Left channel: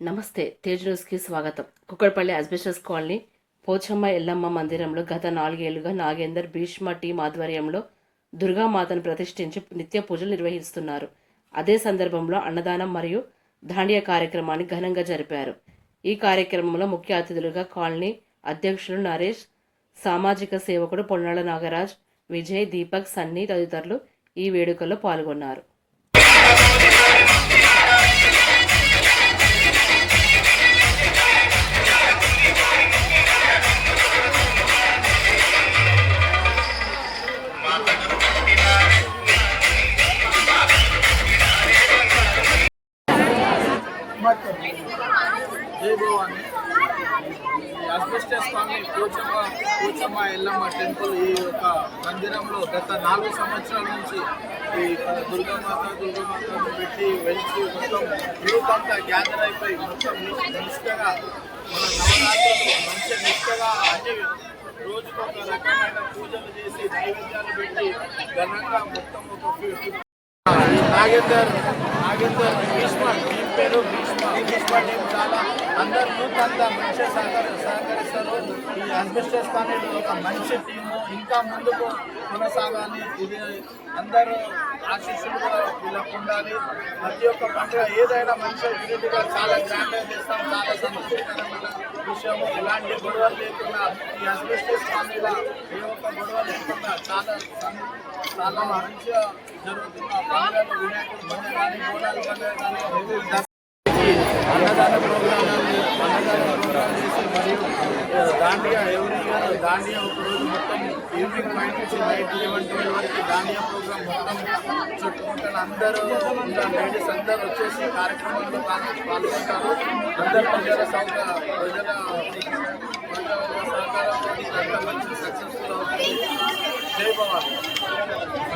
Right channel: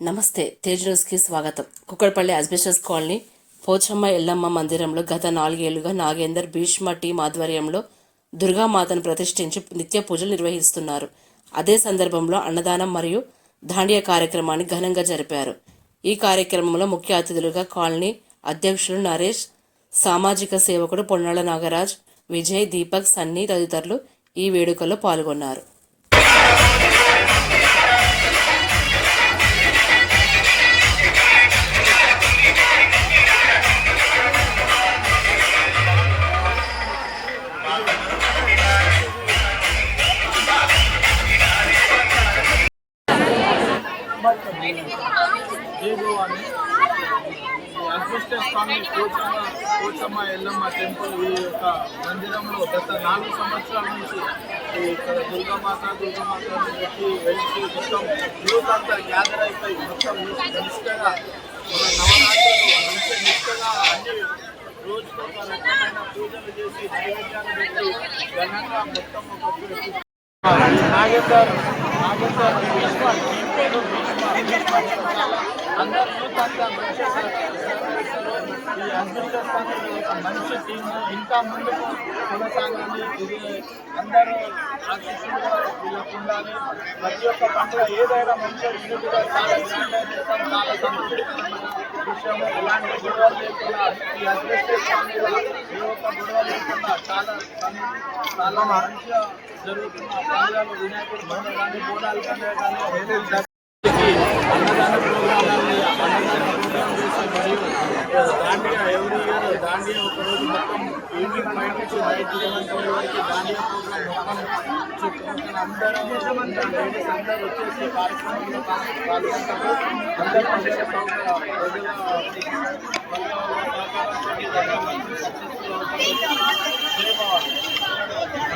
నమస్తే తేజ్ న్యూస్కి స్వాగతం. కుక్కడపల్లి అస్బెస్టస్ కాలనీ పోచమ్మ ఎల్లమ్మ మందిరంలో గత నాలుగేళ్ళుగా నాగేందర్ భీష్మ టీం ఆధ్వర్యంలో దుర్గామాతను ప్రతిష్ఠించి నిత్య పూజలు నిర్వహిస్తున్నారు. అదే సందర్భంలో అన్నదానం మరియు దాండియా కార్యక్రమాన్ని ఘనంగా జరిపారు. ఈ కార్యక్రమంలో ముఖ్య అతిథులుగా కాలనీ అధ్యక్షులు నరేష్ సామాజిక సేవకుడు పొన్నాల నాగరాజ్ విజయ్ దీపక్ సన్నీ తదితరులు ఈ వేడుకల్లో పాల్గొన్నారు. జై Bhavani asbestos colony Kochamma Kochamma Yellamma temple ఈ యొక్క మందిరంలో గత నాలుగు సంవత్సరాల నుంచి ఈ ఇక్కడ దుర్గామాత దుర్గామాతను పెట్టి వెలిసి మొత్తం యూత్ అంతా గ్యాదర్ అయిపోయి మొత్తం నిష్ఠగా మన నవరాత్రులు మంచి నిష్ఠగా అన్ని రోజుకొక రకమైన పూజలు చేసి నైవేద్యాలు పెట్టి ఘనంగా మొత్తం ఒక నాగేందర్ నాగేందర్ పేరు భీష్మ టీం చాలా అందరు యూత్ అంతా మంచిగా సహకరిస్తారు ఈ అస్బెస్టస్ కాలనీ ఒక మంచి టీము ఇంకా ముందుకు కొనసాగాలి ఇది అందరూ ఆశీస్సులు వీళ్ళకు ఉండాలి ప్రతి ఒక్క పండుగ ఏదైనా మంచిగా యూనిట్గా చాలా గ్రాండ్గా చేస్తాం చాలా సంతృప్తికరమైన విషయము ఎలాంటి గొడవలు లేకుండా ఈ అస్బెస్టస్ కాలనీలో ఏ ఒక్క గొడవ లేకుండా చాలా చాలా మంచిగా జరుగుతున్న పండుగలు వినాయకుడు పండుగ కానీ బోనాలు పండుగ కానీ అన్నదాన ప్రోగ్రామాన్ని అన్నదాన ప్రోగ్రాం చేసి మరియు దాండియా ఎవ్రీ ఇయర్ దాండియా ఒకరోజు మొత్తం ఈవినింగ్ ఫైవ్ నుంచి నైట్ లెవెన్ ట్వెల్వ్ వరకు దాండియా ప్రోగ్రామ్ మొత్తం చుట్టుపక్కల అందరూ లేడీస్ అందరూ వచ్చేసి కార్యక్రమంలో పాల్గొంటారు. అందరు ప్రజల సౌకర్య ప్రజల ప్రజల సహకారంతో సక్సెస్ఫుల్ అవుతుంది జై భవాని.